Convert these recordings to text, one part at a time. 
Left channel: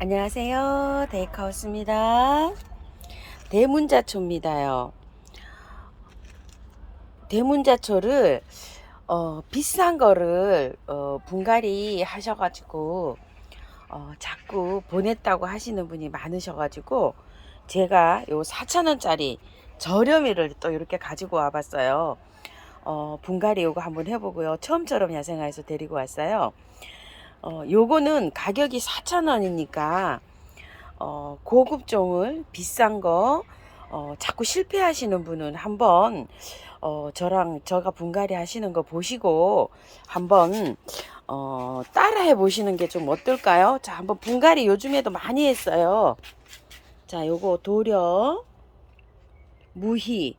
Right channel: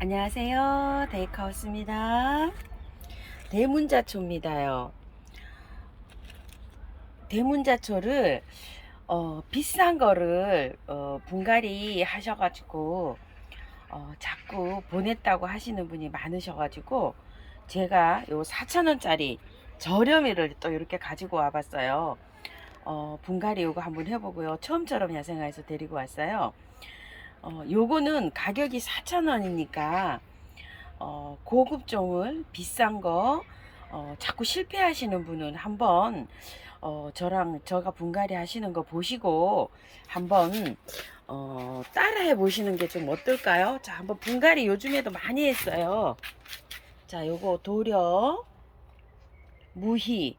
안녕하세요. 데이카우스입니다. 대문자초입니다요. 대문자초를 비싼 거를 분갈이 하셔가지고 자꾸 보냈다고 하시는 분이 많으셔가지고 제가 요 4,000원짜리 저렴이를 또 이렇게 가지고 와봤어요. 분갈이 요거 한번 해보고요. 처음처럼 야생화에서 데리고 왔어요. 요거는 가격이 4,000원이니까 고급종을 비싼 거 자꾸 실패하시는 분은 한번 저가 분갈이 하시는 거 보시고 한번 따라 해 보시는 게 좀 어떨까요? 자, 한번 분갈이 요즘에도 많이 했어요. 자, 요거 도려, 무희.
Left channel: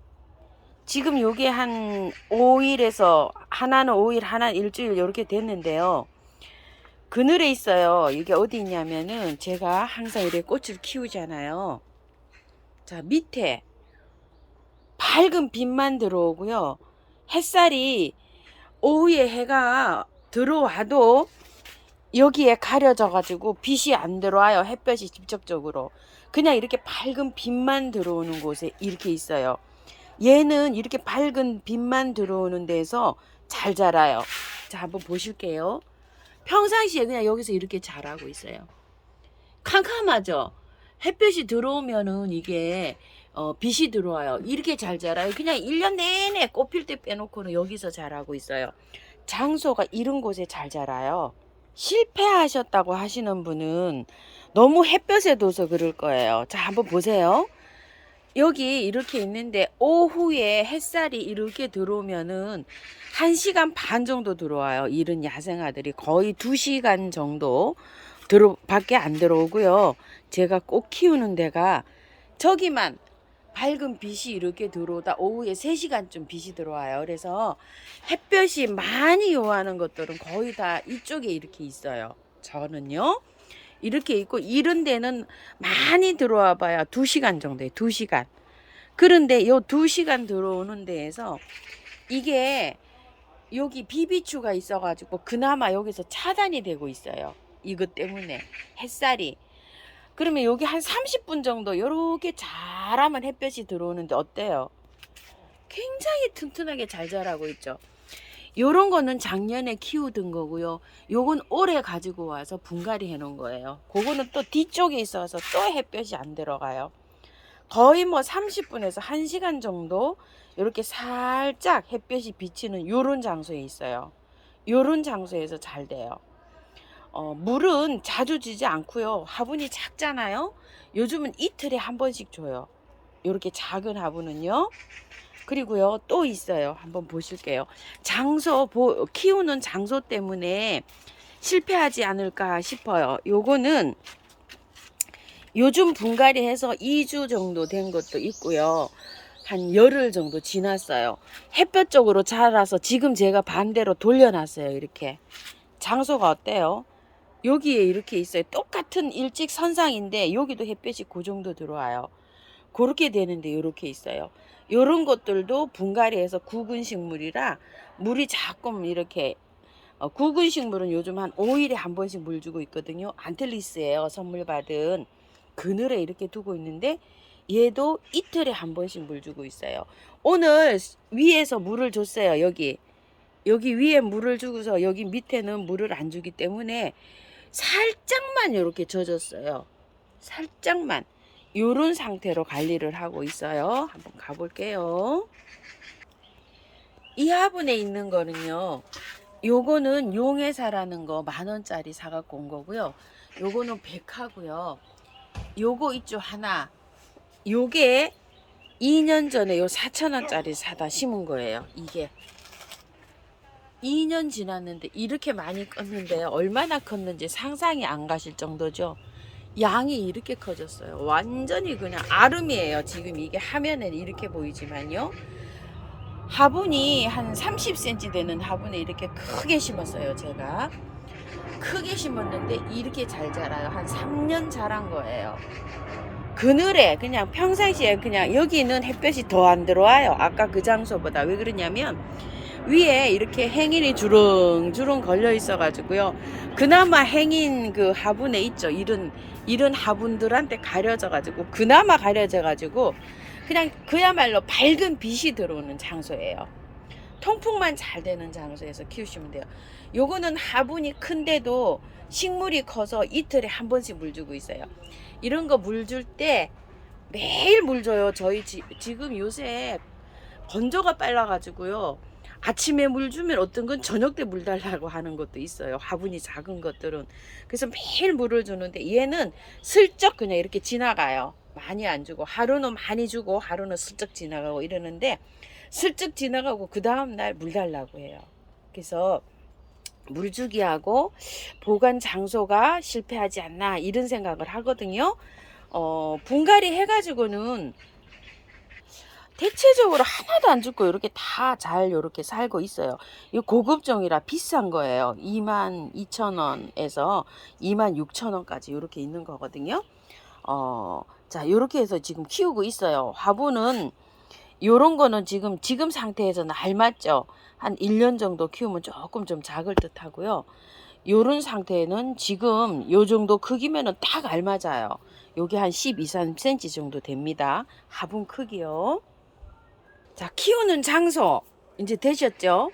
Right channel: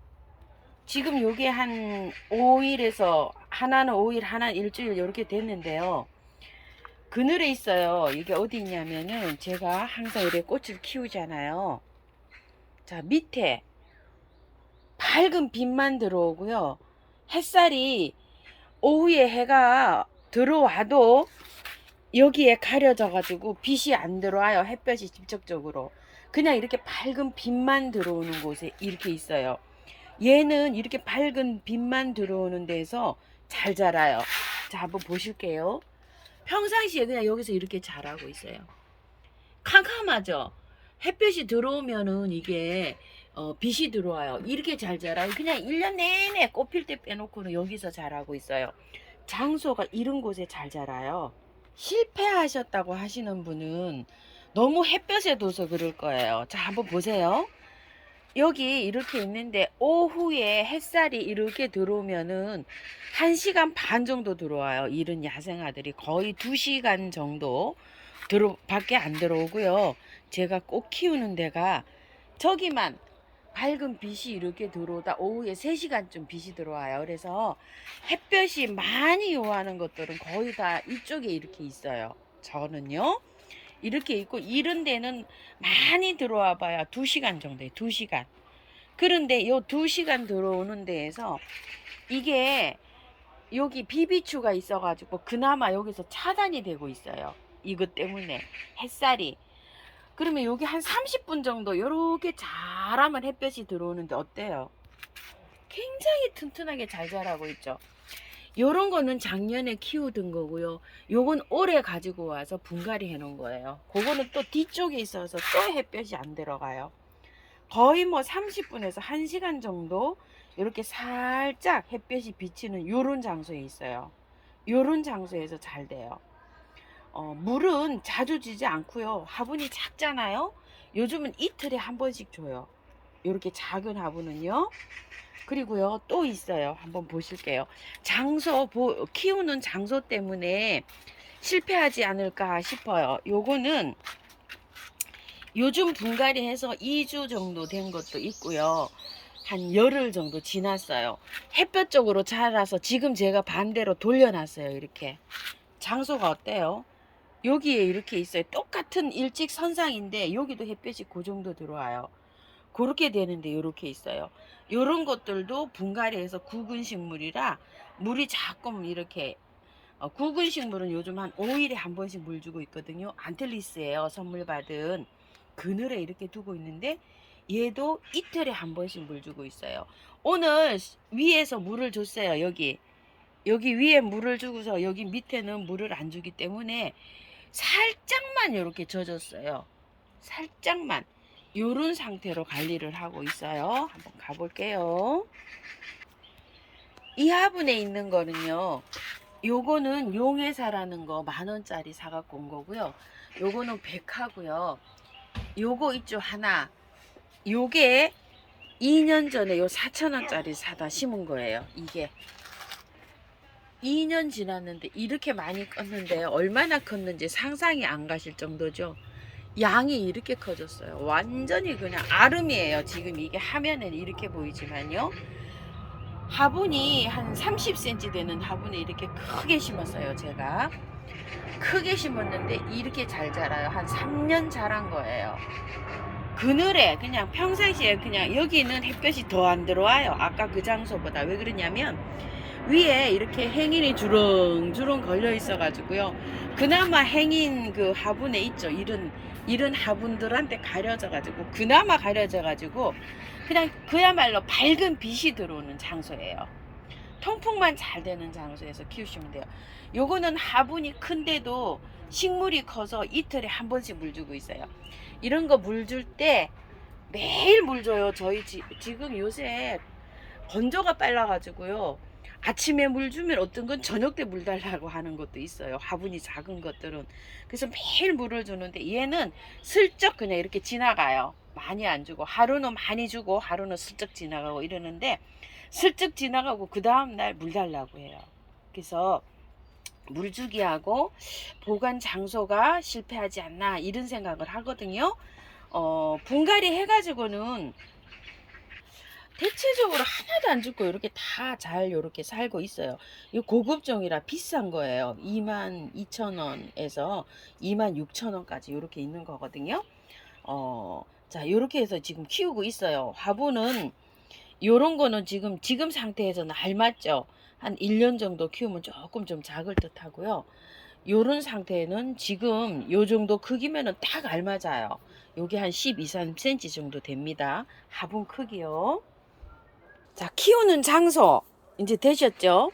지금 요게 한 5일에서 하나는 5일, 하나는 일주일 이렇게 됐는데요. 그늘에 있어요. 이게 어디 있냐면은 제가 항상 이렇게 꽃을 키우잖아요. 자, 밑에 밝은 빛만 들어오고요. 햇살이 오후에 해가 들어와도 여기에 가려져 가지고 빛이 안 들어와요. 햇볕이 직접적으로. 그냥 이렇게 밝은 빛만 들어오는 곳에 이렇게 있어요. 얘는 이렇게 밝은 빛만 들어오는 데서 잘 자라요. 자, 한번 보실게요. 평상시에 그냥 여기서 이렇게 자라고 있어요. 캄캄하죠? 햇볕이 들어오면은 이게 빛이 들어와요. 이렇게 잘 자라요. 그냥 1년 내내 꽃필 때 빼놓고는 여기서 자라고 있어요. 장소가 이런 곳에 잘 자라요. 실패하셨다고 하시는 분은 너무 햇볕에 둬서 그럴 거예요. 자, 한번 보세요. 여기 이렇게 있는데 오후에 햇살이 이렇게 들어오면은 1시간 반 정도 들어와요. 이런 야생아들이 거의 2시간 정도 밖에 안 들어오고요. 제가 꼭 키우는 데가 저기만 밝은 빛이 이렇게 들어오다 오후에 3시간쯤 빛이 들어와요. 그래서 햇볕이 많이 요하는 것들은 거의 다 이쪽에 이렇게 있어요. 저는요. 이렇게 있고 이런 데는 많이 들어와 봐야 2시간 정도에 2시간. 그런데 요 2시간 들어오는 데에서 이게 여기 비비추가 있어가지고 그나마 여기서 차단이 되고 있어요. 이것 때문에 햇살이. 그러면 여기 한 30분 정도 요렇게 잘하면 햇볕이 들어오는데 어때요? 굉장히 튼튼하게 잘 자라고 있죠. 요런 거는 작년에 키우던 거고요. 요건 올해 가지고 와서 분갈이 해 놓은 거예요. 그거는 또 뒤쪽에 있어서 또 햇볕이 안 들어가요. 거의 뭐 30분에서 1시간 정도 이렇게 살짝 햇볕이 비치는 요런 장소에 있어요. 요런 장소에서 잘 돼요. 물은 자주 주지 않고요. 화분이 작잖아요. 요즘은 이틀에 한 번씩 줘요. 이렇게 작은 화분은요. 그리고요 또 있어요. 한번 보실게요. 키우는 장소 때문에 실패하지 않을까 싶어요. 요거는 요즘 분갈이 해서 2주 정도 된 것도 있고요. 한 열흘 정도 지났어요. 햇볕 쪽으로 자라서 지금 제가 반대로 돌려놨어요. 이렇게. 장소가 어때요? 여기에 이렇게 있어요. 똑같은 일직선상인데 여기도 햇볕이 그 정도 들어와요. 그렇게 되는데 이렇게 있어요. 이런 것들도 분갈이해서 굵은 식물이라 물이 조금 이렇게 굵은 식물은 요즘 한 5일에 한 번씩 물 주고 있거든요. 안틀리스예요. 선물 받은 그늘에 이렇게 두고 있는데 얘도 이틀에 한 번씩 물 주고 있어요. 오늘 위에서 물을 줬어요. 여기 위에 물을 주고서 여기 밑에는 물을 안 주기 때문에 살짝만 이렇게 젖었어요. 살짝만 요런 상태로 관리를 하고 있어요. 한번 가볼게요. 이 화분에 있는 거는요. 요거는 용해사라는 거 10,000원짜리 사갖고 온 거고요. 요거는 백화고요. 요거 있죠 하나. 요게 2년 전에 요 4,000원짜리 사다 심은 거예요. 이게 2년 지났는데 이렇게 많이 컸는데 얼마나 컸는지 상상이 안 가실 정도죠. 양이 이렇게 커졌어요. 완전히 그냥 아름이에요. 지금 이게 화면에 이렇게 보이지만요. 화분이 한 30cm 되는 화분에 이렇게 크게 심었어요. 제가 크게 심었는데 이렇게 잘 자라요. 한 3년 자란 거예요. 그늘에 그냥 평상시에 그냥 여기는 햇볕이 더 안 들어와요. 아까 그 장소보다. 왜 그러냐면 위에 이렇게 행인이 주렁주렁 걸려 있어 가지고요. 그나마 행인 그 화분에 있죠. 이런 화분들한테 가려져 가지고, 그나마 가려져 가지고 그냥 그야말로 밝은 빛이 들어오는 장소예요. 통풍만 잘 되는 장소에서 키우시면 돼요. 요거는 화분이 큰데도 식물이 커서 이틀에 한 번씩 물 주고 있어요. 이런 거 물 줄 때 매일 물 줘요. 저희 지금 요새 건조가 빨라가지고요. 아침에 물 주면 어떤 건 저녁 때 물 달라고 하는 것도 있어요. 화분이 작은 것들은. 그래서 매일 물을 주는데 얘는 슬쩍 그냥 이렇게 지나가요. 많이 안 주고, 하루는 많이 주고 하루는 슬쩍 지나가고 이러는데, 슬쩍 지나가고 그 다음날 물 달라고 해요. 그래서 물 주기하고 보관 장소가 실패하지 않나 이런 생각을 하거든요. 분갈이 해가지고는 대체적으로 하나도 안 죽고 이렇게 다 잘 이렇게 살고 있어요. 이 고급종이라 비싼 거예요. 22,000원에서 26,000원까지 이렇게 있는 거거든요. 자, 이렇게 해서 지금 키우고 있어요. 화분은 요런 거는 지금 상태에서는 알맞죠. 한 1년 정도 키우면 조금 좀 작을 듯 하고요. 요런 상태는 지금 요 정도 크기면은 딱 알맞아요. 요게 한 12, 3cm 정도 됩니다. 화분 크기요. 자, 키우는 장소 이제 되셨죠?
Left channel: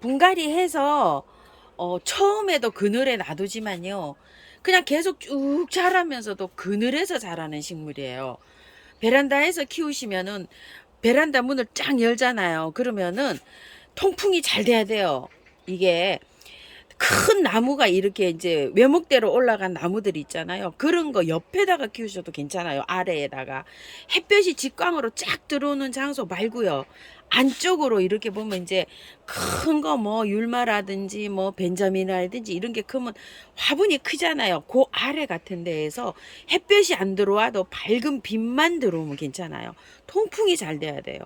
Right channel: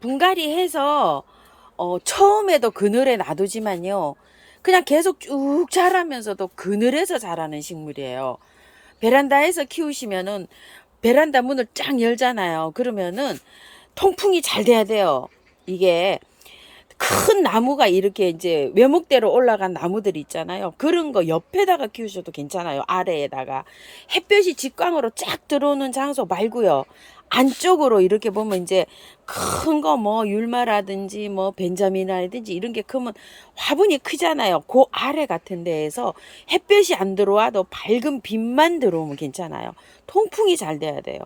분갈이 해서 처음에도 그늘에 놔두지만요, 그냥 계속 쭉 자라면서도 그늘에서 자라는 식물이에요. 베란다에서 키우시면은 베란다 문을 쫙 열잖아요. 그러면은 통풍이 잘 돼야 돼요. 이게 큰 나무가 이렇게 이제 외목대로 올라간 나무들 있잖아요. 그런 거 옆에다가 키우셔도 괜찮아요. 아래에다가. 햇볕이 직광으로 쫙 들어오는 장소 말고요. 안쪽으로 이렇게 보면 이제 큰 거 뭐 율마라든지 뭐 벤자민이라든지 이런 게 크면 화분이 크잖아요. 그 아래 같은 데에서 햇볕이 안 들어와도 밝은 빛만 들어오면 괜찮아요. 통풍이 잘 돼야 돼요.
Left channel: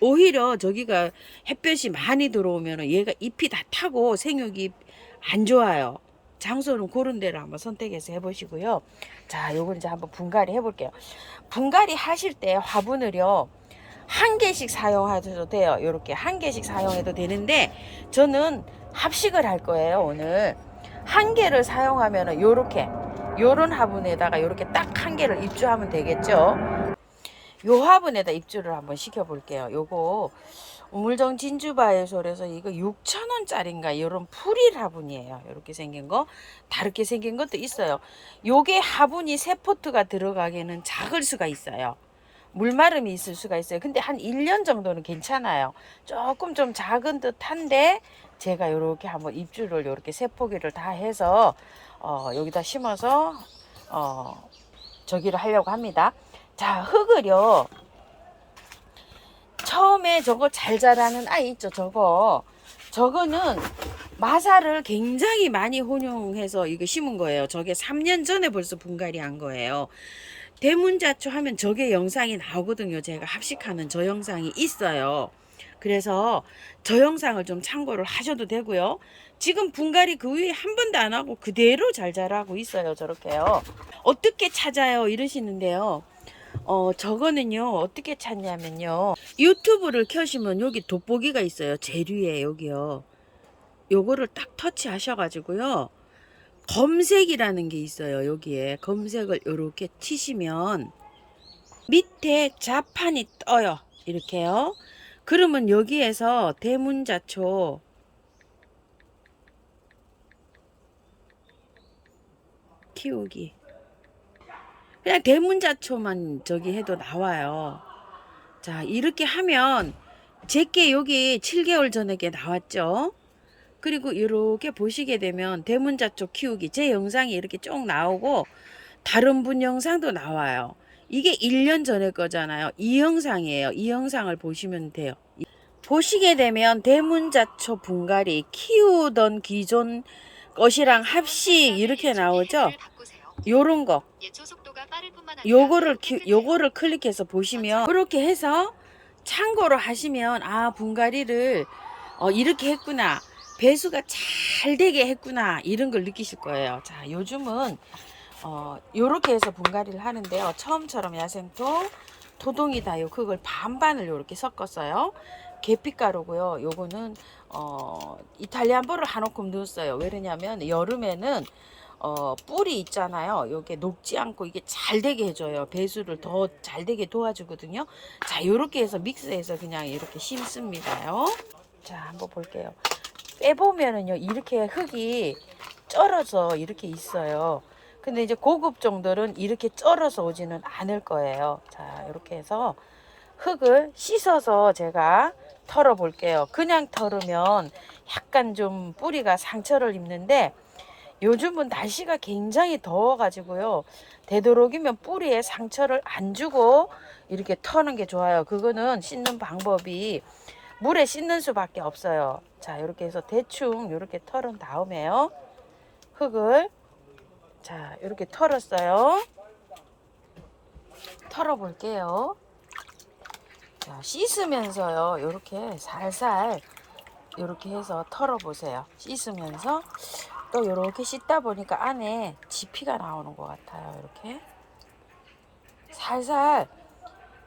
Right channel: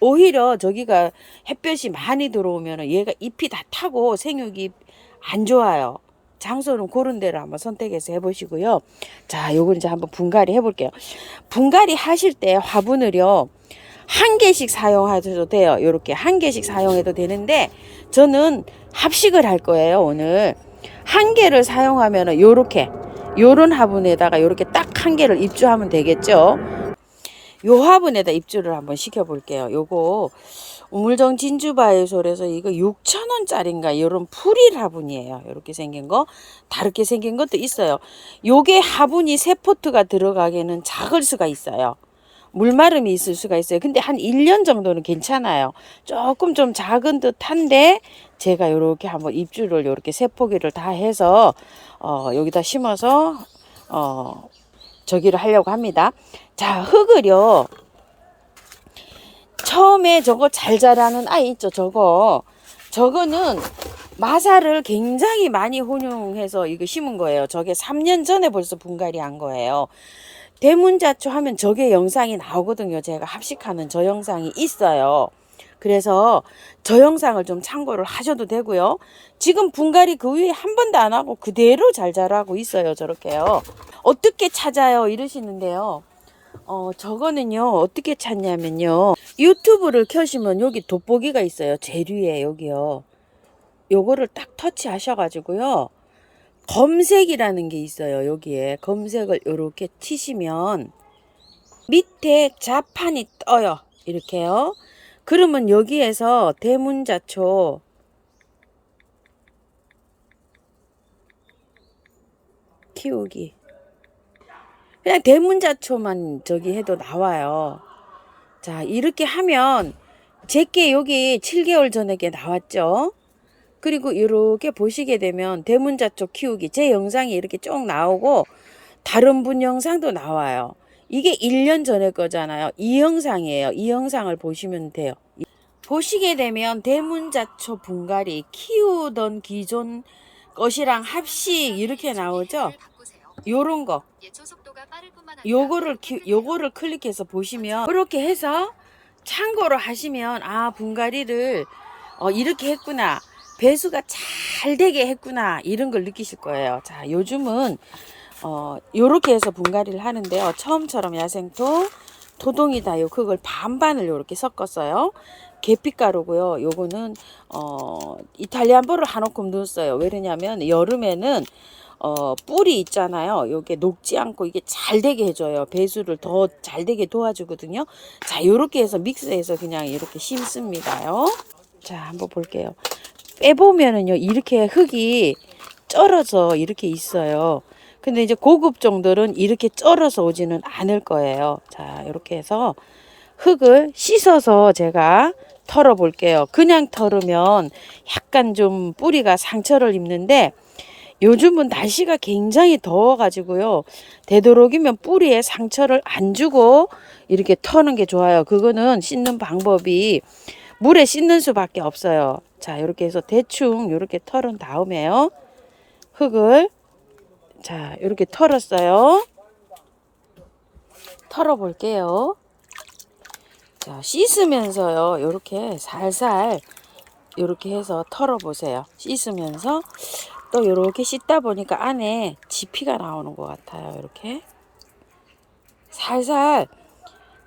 오히려 저기가 햇볕이 많이 들어오면 얘가 잎이 다 타고 생육이 안 좋아요. 장소는 그런 데를 한번 선택해서 해보시고요. 자, 요걸 이제 한번 분갈이 해볼게요. 분갈이 하실 때 화분을요, 한 개씩 사용하셔도 돼요. 요렇게 한 개씩 사용해도 되는데, 저는 합식을 할 거예요. 오늘 한 개를 사용하면 요렇게 요런 화분에다가 요렇게 딱 한 개를 입주하면 되겠죠. 요 화분에다 입주를 한번 시켜 볼게요. 요거 우물정 진주바이솔에서 이거 6,000원짜리인가 이런 풀일 화분이에요. 이렇게 생긴 거, 다르게 생긴 것도 있어요. 요게 화분이 3포트가 들어가기에는 작을 수가 있어요. 물마름이 있을 수가 있어요. 근데 한 1년 정도는 괜찮아요. 조금 좀 작은 듯한데 제가 이렇게 한번 입주를 이렇게 3포기를 다 해서 여기다 심어서 저기를 하려고 합니다. 자, 흙을요, 처음에 저거 잘 자라는 아이 있죠. 저거는 마사를 굉장히 많이 혼용해서 이거 심은 거예요. 저게 3년 전에 벌써 분갈이 한 거예요. 대문자초 하면 저게 영상이 나오거든요. 제가 합식하는 저 영상이 있어요. 그래서 저 영상을 좀 참고를 하셔도 되고요. 지금 분갈이 그 위에 한 번도 안 하고 그대로 잘 자라고 있어요. 저렇게요. 어떻게 찾아요? 이러시는데요. 저거는요, 어떻게 찾냐면요, 유튜브를 켜시면 여기 돋보기가 있어요. 제일 위에 여기요. 요거를 딱 터치하셔가지고요, 검색이라는 게 있어요. 여기에 검색을 이렇게 치시면 밑에 자판이 떠요. 이렇게요. 그러면 여기에서 대문자초 키우기, 그냥 대문자초만 저기 해도 나와요. 자, 이렇게 하면 제게 여기 7개월 전에 나왔죠. 그리고 이렇게 보시게 되면 대문자초 키우기 제 영상이 이렇게 쭉 나오고 다른 분 영상도 나와요. 이게 1년 전에 거잖아요. 이 영상이에요. 이 영상을 보시면 돼요. 보시게 되면 대문자초 분갈이 키우던 기존 것이랑 합식 이렇게 나오죠. 요런 거, 요거를 클릭해서 보시면 이렇게 해서 참고로 하시면, 아, 분갈이를 이렇게 했구나, 배수가 잘 되게 했구나, 이런 걸 느끼실 거예요. 자, 요즘은 요렇게 해서 분갈이를 하는데요. 처음처럼 야생토, 토동이다요, 그걸 반반을 요렇게 섞었어요. 계피가루고요. 요거는 이탈리안 보를 한 움큼 넣었어요. 왜냐면 여름에는 뿔이 있잖아요. 요게 녹지 않고 이게 잘 되게 해줘요. 배수를 더 잘 되게 도와주거든요. 자, 요렇게 해서 믹스해서 그냥 이렇게 심습니다요. 자, 한번 볼게요. 빼보면은요, 이렇게 흙이 쩔어서 이렇게 있어요. 근데 이제 고급 종들은 이렇게 쩔어서 오지는 않을 거예요. 자, 이렇게 해서 흙을 씻어서 제가 털어 볼게요. 그냥 털으면 약간 좀 뿌리가 상처를 입는데 요즘은 날씨가 굉장히 더워 가지고요. 되도록이면 뿌리에 상처를 안 주고 이렇게 터는 게 좋아요. 그거는 씻는 방법이 물에 씻는 수밖에 없어요. 자, 이렇게 해서 대충 이렇게 털은 다음에요. 흙을 자, 이렇게 털었어요. 털어 볼게요. 자, 씻으면서요. 이렇게 살살 이렇게 해서 털어 보세요. 씻으면서 또 이렇게 씻다 보니까 안에 지피가 나오는 것 같아요. 이렇게 살살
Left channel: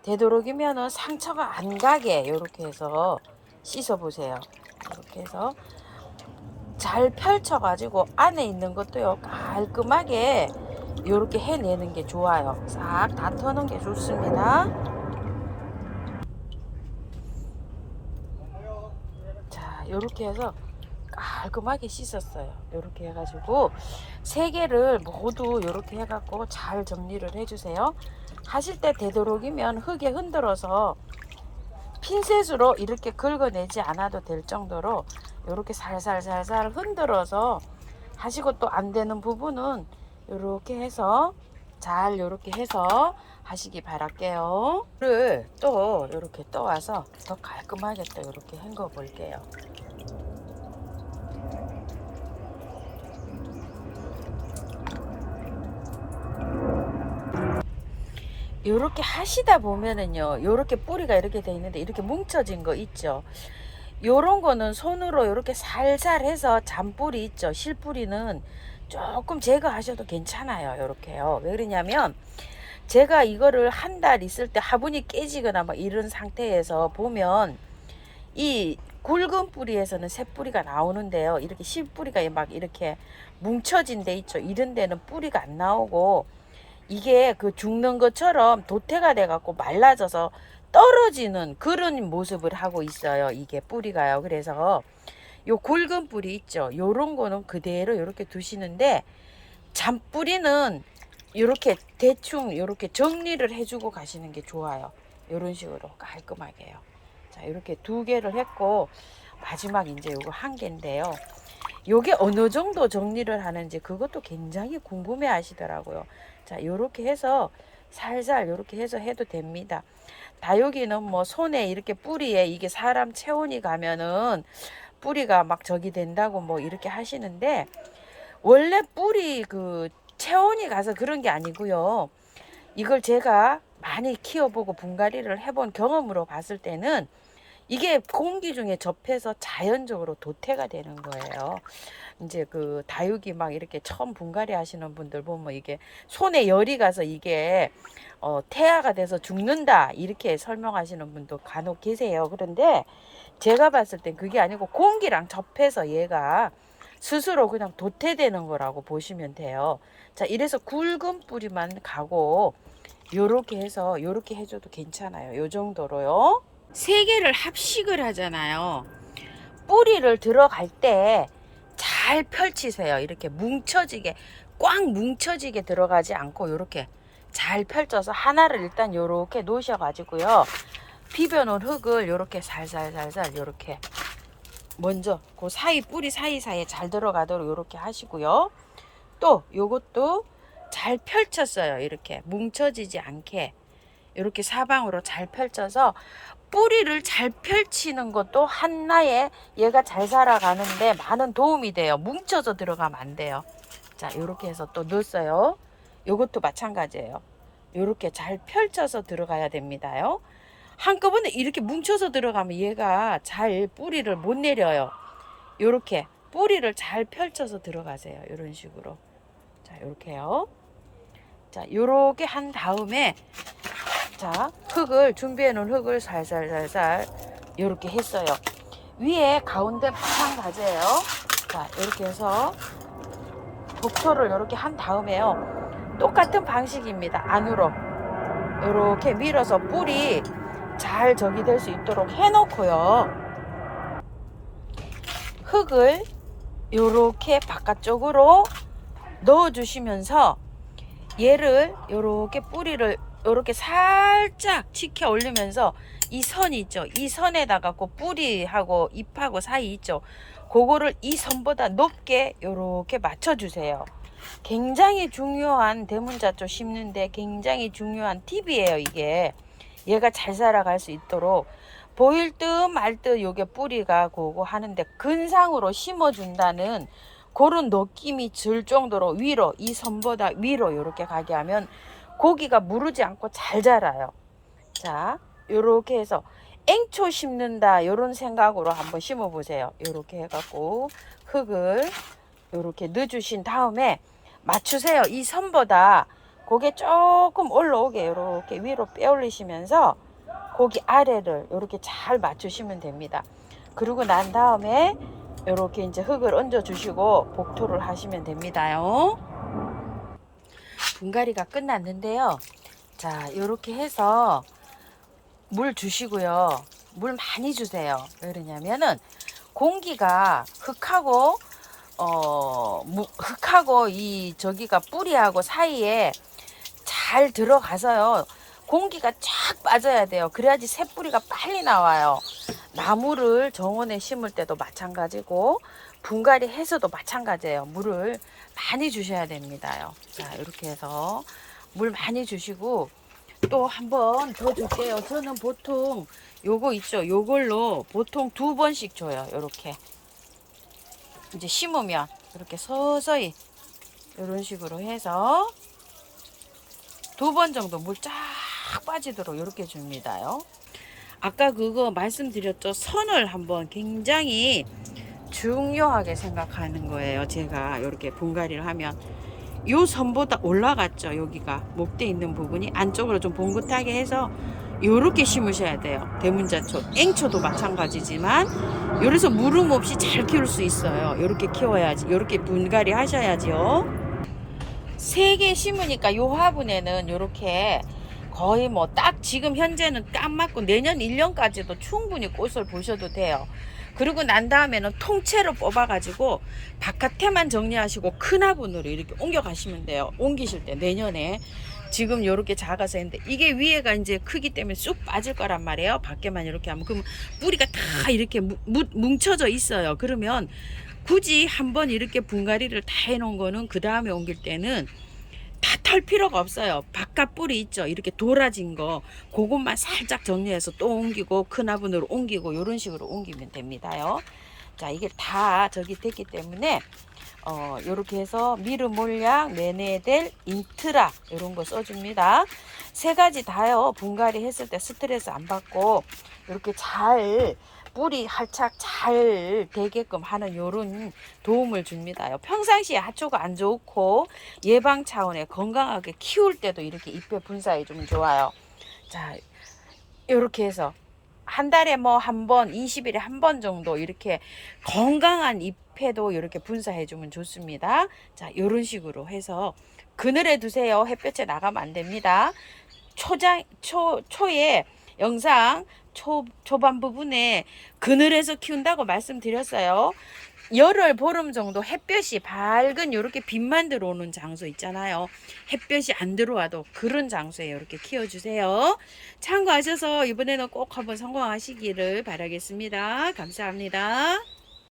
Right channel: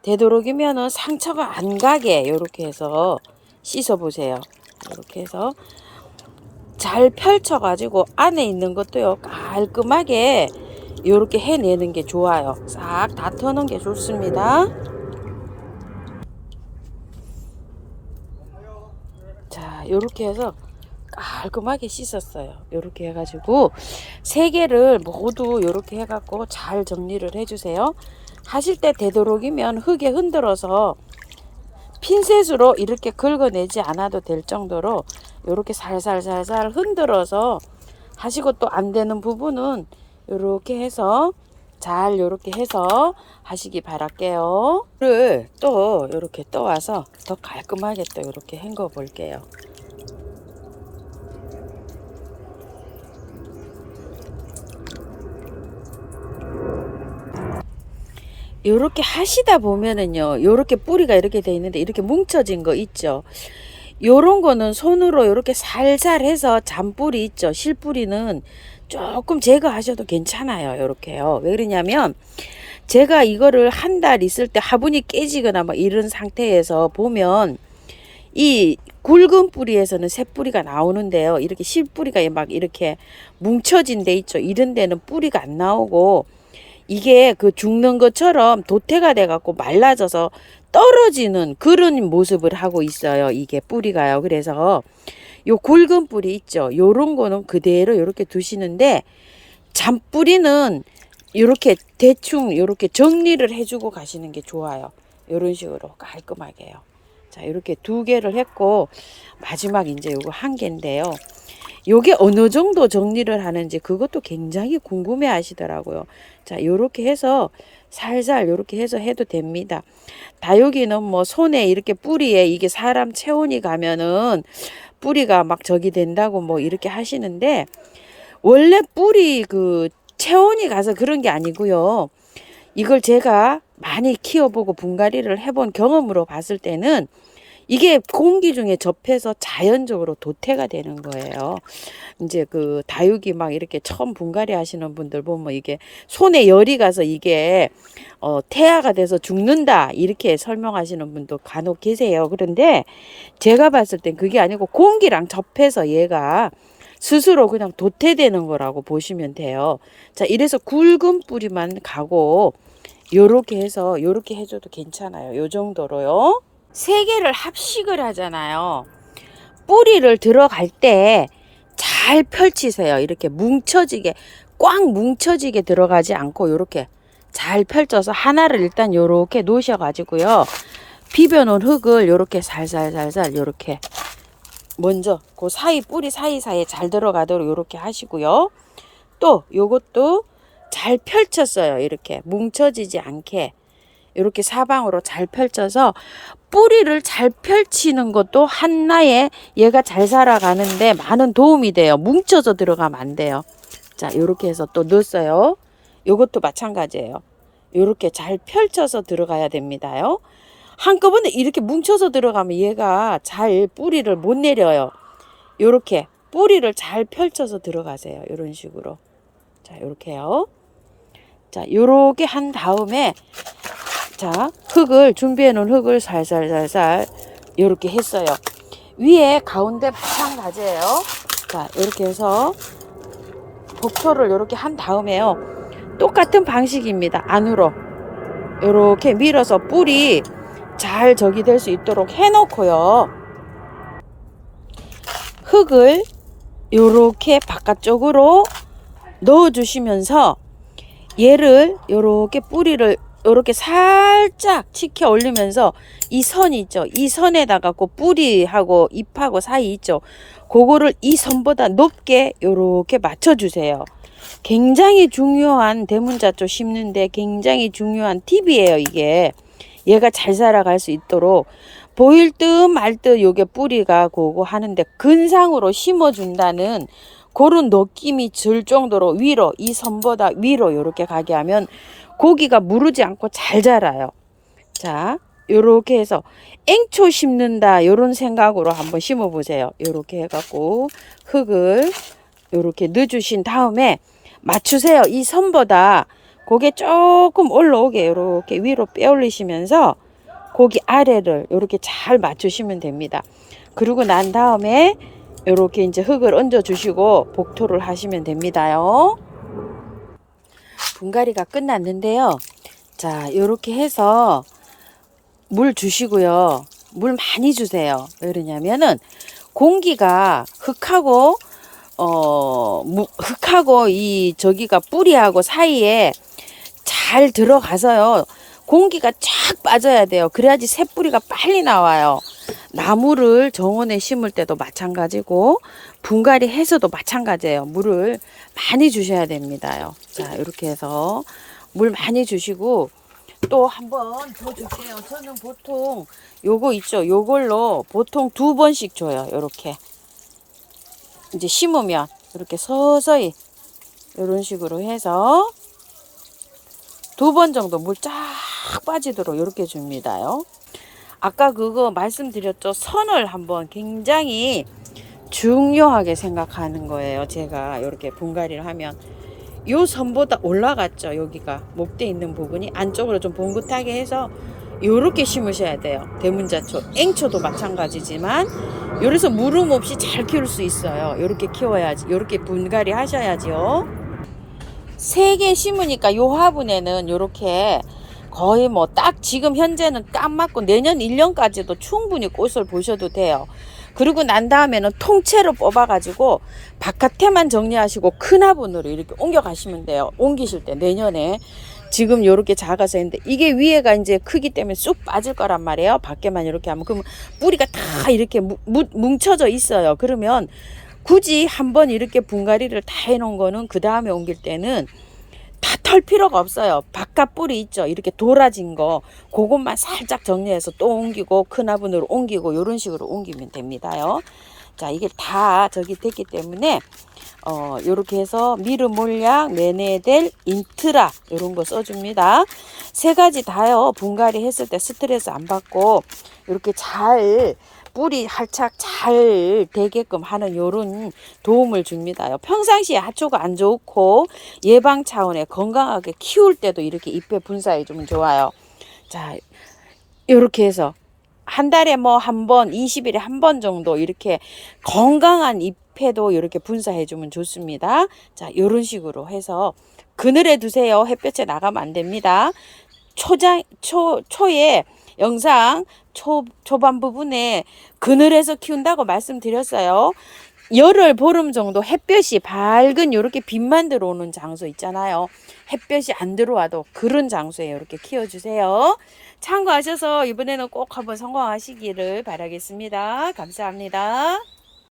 되도록이면은 상처가 안 가게 이렇게 해서 씻어 보세요. 이렇게 해서 잘 펼쳐 가지고 안에 있는 것도요 깔끔하게 이렇게 해내는 게 좋아요. 싹 다 터는 게 좋습니다. 자, 이렇게 해서 깔끔하게 씻었어요. 이렇게 해가지고 세 개를 모두 이렇게 해갖고 잘 정리를 해주세요. 하실 때 되도록이면 흙에 흔들어서 핀셋으로 이렇게 긁어내지 않아도 될 정도로 이렇게 살살살살 흔들어서 하시고, 또 안 되는 부분은 이렇게 해서 잘 이렇게 해서 하시기 바랄게요. 를 또 이렇게 떠와서 더 깔끔하게 또 이렇게 헹궈 볼게요. 요렇게 하시다 보면은요, 요렇게 뿌리가 이렇게 돼 있는데 이렇게 뭉쳐진 거 있죠. 요런 거는 손으로 이렇게 살살 해서 잔뿌리 있죠. 실뿌리는 조금 제거하셔도 괜찮아요. 요렇게요. 왜 그러냐면 제가 이거를 한 달 있을 때 화분이 깨지거나 뭐 이런 상태에서 보면 이 굵은 뿌리에서는 새 뿌리가 나오는데요. 이렇게 실뿌리가 막 이렇게 뭉쳐진 데 있죠. 이런 데는 뿌리가 안 나오고 이게 그 죽는 것처럼 도태가 돼 갖고 말라져서 떨어지는 그런 모습을 하고 있어요. 이게 뿌리가요. 그래서 요 굵은 뿌리 있죠. 요런 거는 그대로 이렇게 두시는데 잔뿌리는 이렇게 대충 이렇게 정리를 해주고 가시는 게 좋아요. 이런 식으로 깔끔하게요. 자, 이렇게 두 개를 했고 마지막 이제 요거 한 개인데요. 요게 어느 정도 정리를 하는지 그것도 굉장히 궁금해 하시더라고요. 자, 요렇게 해서 살살 요렇게 해서 해도 됩니다. 다육이는 뭐 손에 이렇게 뿌리에 이게 사람 체온이 가면은 뿌리가 막 저기 된다고 뭐 이렇게 하시는데, 원래 뿌리 그 체온이 가서 그런 게 아니고요. 이걸 제가 많이 키워보고 분갈이를 해본 경험으로 봤을 때는 이게 공기 중에 접해서 자연적으로 도태가 되는 거예요. 이제 그 다육이 막 이렇게 처음 분갈이 하시는 분들 보면 이게 손에 열이 가서 이게 태아가 돼서 죽는다 이렇게 설명하시는 분도 간혹 계세요. 그런데 제가 봤을 땐 그게 아니고 공기랑 접해서 얘가 스스로 그냥 도태되는 거라고 보시면 돼요. 자, 이래서 굵은 뿌리만 가고 요렇게 해서 요렇게 해줘도 괜찮아요. 요 정도로요. 세 개를 합식을 하잖아요. 뿌리를 들어갈 때 잘 펼치세요. 이렇게 뭉쳐지게, 꽉 뭉쳐지게 들어가지 않고 이렇게 잘 펼쳐서 하나를 일단 요렇게 놓으셔 가지고요. 비벼 놓은 흙을 요렇게 살살살살 요렇게 먼저 그 사이 뿌리 사이사이에 잘 들어가도록 요렇게 하시고요. 또 요것도 잘 펼쳤어요. 이렇게 뭉쳐지지 않게 이렇게 사방으로 잘 펼쳐서 뿌리를 잘 펼치는 것도 하나의 얘가 잘 살아가는데 많은 도움이 돼요. 뭉쳐서 들어가면 안 돼요. 자, 이렇게 해서 또 넣었어요. 요것도 마찬가지예요. 이렇게 잘 펼쳐서 들어가야 됩니다요. 한꺼번에 이렇게 뭉쳐서 들어가면 얘가 잘 뿌리를 못 내려요. 이렇게 뿌리를 잘 펼쳐서 들어가세요. 이런 식으로. 자, 이렇게요. 자, 요렇게 한 다음에 자, 흙을 준비해 놓은 흙을 살살살살 이렇게 했어요. 위에 가운데 마찬가지예요. 자, 이렇게 해서 복토를 이렇게 한 다음에요. 똑같은 방식입니다. 안으로 이렇게 밀어서 뿔이 잘 저기 될 수 있도록 해놓고요. 흙을 이렇게 바깥쪽으로 넣어주시면서 얘를 이렇게 뿌리를 이렇게 살짝 치켜 올리면서 이 선 있죠. 이 선에다가 그 뿌리하고 잎하고 사이 있죠. 그거를 이 선보다 높게 이렇게 맞춰주세요. 굉장히 중요한 대문자초 심는데 굉장히 중요한 팁이에요. 이게 얘가 잘 살아갈 수 있도록 보일 듯 말 듯 요게 뿌리가 고고 하는데 근상으로 심어준다는 그런 느낌이 들 정도로 위로 이 선보다 위로 이렇게 가게 하면 고기가 무르지 않고 잘 자라요. 자, 요렇게 해서 앵초 심는다 요런 생각으로 한번 심어 보세요. 요렇게 해갖고 흙을 요렇게 넣어주신 다음에 맞추세요. 이 선보다 고개 조금 올라오게 요렇게 위로 빼 올리시면서 고기 아래를 요렇게 잘 맞추시면 됩니다. 그리고 난 다음에 요렇게 이제 흙을 얹어 주시고 복토를 하시면 됩니다요. 분갈이가 끝났는데요. 자, 요렇게 해서 물 주시고요. 물 많이 주세요. 왜 그러냐면은 공기가 흙하고 흙하고 이 저기가 뿌리하고 사이에 잘 들어가서요. 공기가 쫙 빠져야 돼요. 그래야지 새뿌리가 빨리 나와요. 나무를 정원에 심을 때도 마찬가지고 분갈이 해서도 마찬가지예요. 물을 많이 주셔야 됩니다요. 자, 이렇게 해서 물 많이 주시고 또 한 번 더 줄게요. 저는 보통 요거 있죠. 요걸로 보통 2번씩 줘요. 요렇게 이제 심으면 이렇게 서서히 이런 식으로 해서 2번 정도 물 쫙 빠지도록 이렇게 줍니다요. 아까 그거 말씀드렸죠. 선을 한번 굉장히 중요하게 생각하는 거예요. 제가 이렇게 분갈이를 하면 요 선보다 올라갔죠. 여기가 목대 있는 부분이 안쪽으로 좀 봉긋하게 해서 요렇게 심으셔야 돼요. 대문자초, 앵초도 마찬가지지만 요래서 물음 없이 잘 키울 수 있어요. 요렇게 키워야지. 요렇게 분갈이 하셔야지요. 3개 심으니까 요 화분에는 요렇게 거의 뭐 딱 지금 현재는 딱 맞고 내년 1년까지도 충분히 꽃을 보셔도 돼요. 그리고 난 다음에는 통째로 뽑아 가지고 바깥에만 정리하시고 큰 화분으로 이렇게 옮겨 가시면 돼요. 옮기실 때 내년에 지금 요렇게 작아서 했는데 이게 위에가 이제 크기 때문에 쑥 빠질 거란 말이에요. 밖에만 이렇게 하면 그러면 뿌리가 다 이렇게 뭉쳐져 있어요. 그러면 굳이 한번 이렇게 분갈이를 다 해놓은 거는 그 다음에 옮길 때는 다 털 필요가 없어요. 바깥 뿌리 있죠. 이렇게 돌아진 거 그것만 살짝 정리해서 또 옮기고 큰 화분으로 옮기고 이런 식으로 옮기면 됩니다요. 자, 이게 다 저기 됐기 때문에 요렇게 해서 미르 몰약, 메네델, 인트라 이런 거 써줍니다. 3가지 다요. 분갈이 했을 때 스트레스 안 받고 이렇게 잘 뿌리 활착 잘 되게끔 하는 요런 도움을 줍니다요. 평상시에 하초가 안 좋고 예방 차원에 건강하게 키울 때도 이렇게 잎에 분사해 주면 좋아요. 자, 요렇게 해서 한 달에 뭐 한 번, 20일에 한 번 정도 이렇게 건강한 잎에도 이렇게 분사해 주면 좋습니다. 자, 요런 식으로 해서 그늘에 두세요. 햇볕에 나가면 안 됩니다. 초에 영상 초반 부분에 그늘에서 키운다고 말씀드렸어요. 열흘 보름 정도 햇볕이 밝은 이렇게 빛만 들어오는 장소 있잖아요. 햇볕이 안 들어와도 그런 장소에 이렇게 키워주세요. 참고하셔서 이번에는 꼭 한번 성공하시기를 바라겠습니다. 감사합니다.